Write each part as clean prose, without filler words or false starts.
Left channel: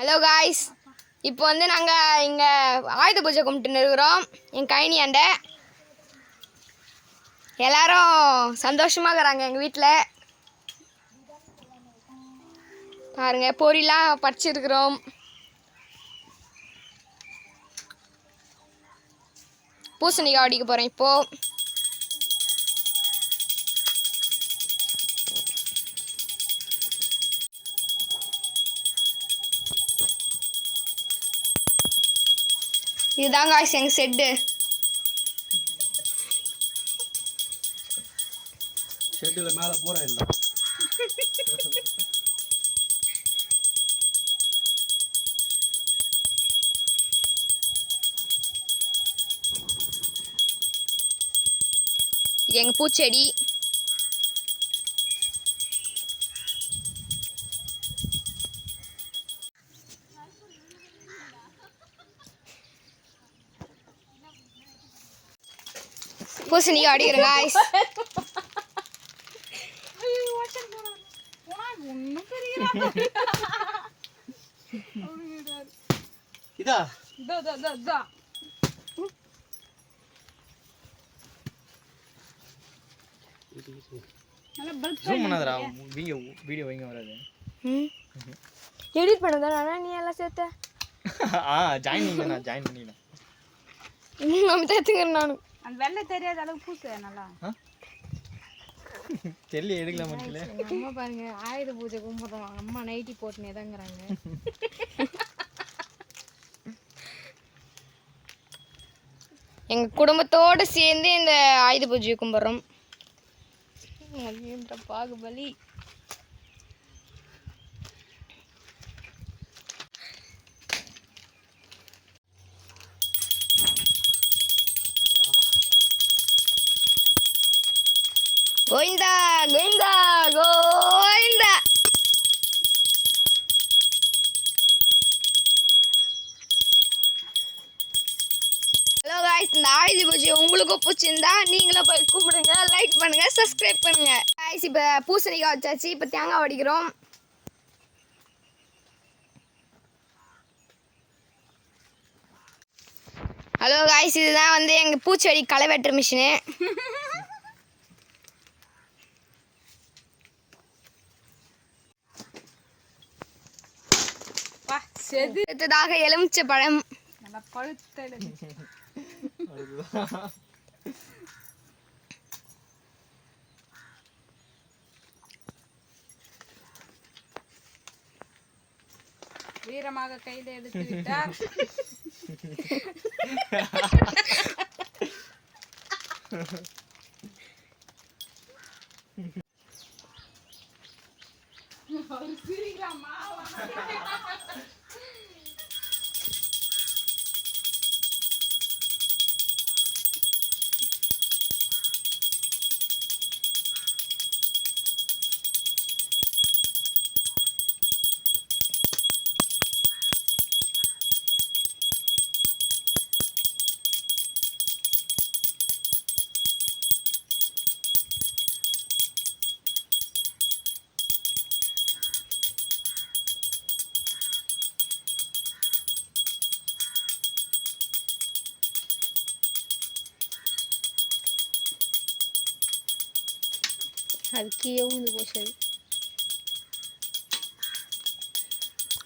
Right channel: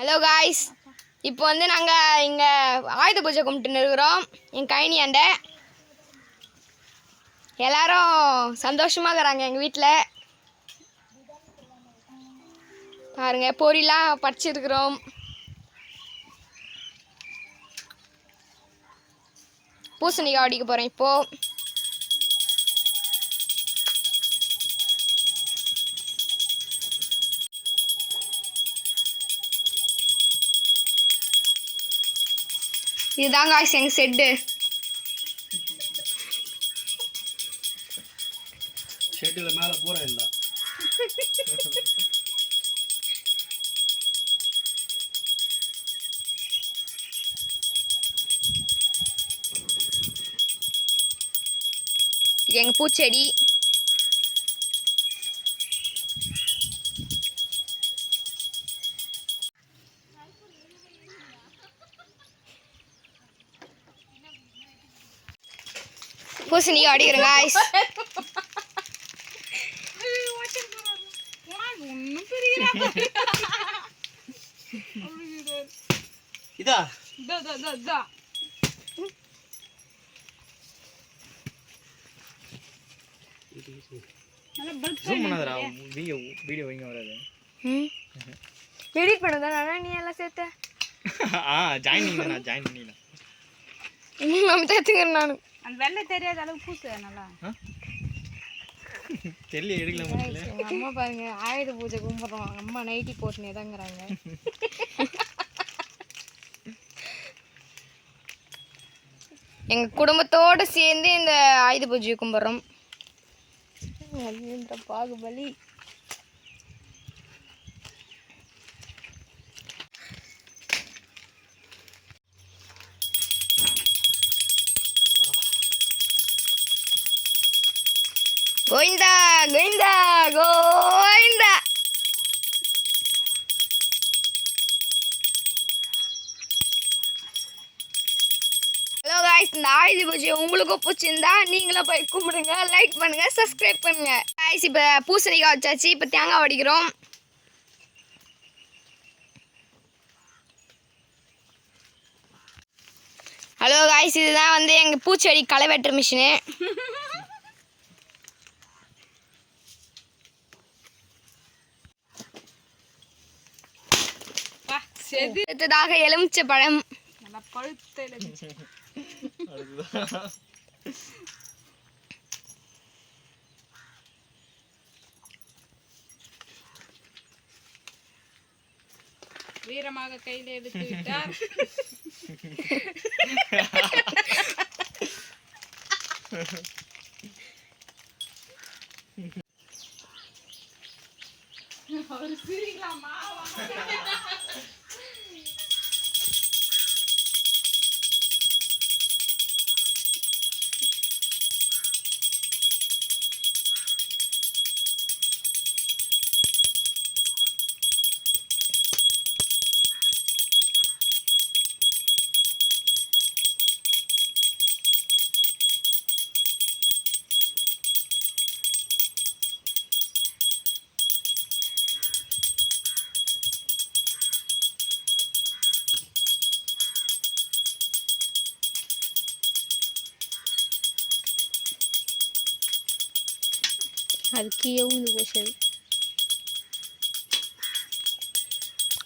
Hello guys, இப்போ வந்து நாங்கள் இங்கே ஆயுத பூஜை கும்பிட்டுன்னு இருக்கிறோம். என் கைனியாண்ட எல்லாரும் சந்தோஷமாக இருக்கிறாங்க. எங்கள் வீட்டில் பாருங்கள், பொரியெலாம் பறிச்சிருக்கிறோம். பூசணிக்காய் அடிக்க போகிறேன் இப்போது. இதுதான் காய்ஸ் எங்கள் ஷெட்டு. ஷெட்டில் மேலே பூரா இல்லை. இது எங்கள் பூச்செடி. பூசணிக்காய் அடிக்கிறேன் காய்ஸ். இதா வீடியோ வைங்க வராது. எடிட் பண்ணதானா நீ எல்லாம் சேர்த்த? ஜாயின் பண்ணிக்கலாம், ஜாயின் பண்ணிக்கலாம். நம்ம சேர்த்துக்கிறேன். நான் அந்த வெள்ளை தெரியாத அளவுக்கு பூசு நல்லா தெரியல, எடுக்கலாம் முடியல. அம்மா பாருங்க, ஆயுத பூஜை கும்பிட்றோம். அம்மா நைட்டி போட்டுனே தாங்கிறாங்க. எங்கள் குடும்பத்தோடு சேர்ந்து இந்த ஆயுத பூஜையை கும்பிட்றோம். பாகுபலி. கோவிந்தா கோவிந்தா கோவிந்தா. ஹலோ காய்ஸ், இந்த ஆயுத பூஜை உங்களுக்கும் பிடிச்சிருந்தா நீங்களும் போய் கும்பிடுங்க, லைக் பண்ணுங்க, சப்ஸ்கிரைப் பண்ணுங்க. காய்ஸ், இப்போ பூசணிக்காய் வச்சாச்சு. இப்போ தேங்காய் வடிக்கிறோம். ஹலோ காய்ஸ், இதுதான் வந்து எங்கள் பூச்செடி களை வெட்டுற மிஷினு. அடுத்ததாக எலுமிச்சை பழம். வீரமாக கையில் எடுத்து விட்டார்.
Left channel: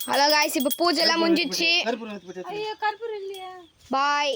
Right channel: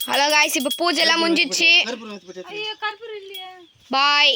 ஹலோ காய்ஸ், இப்போ பூஜை எல்லாம் முடிஞ்சிச்சு. பாய்.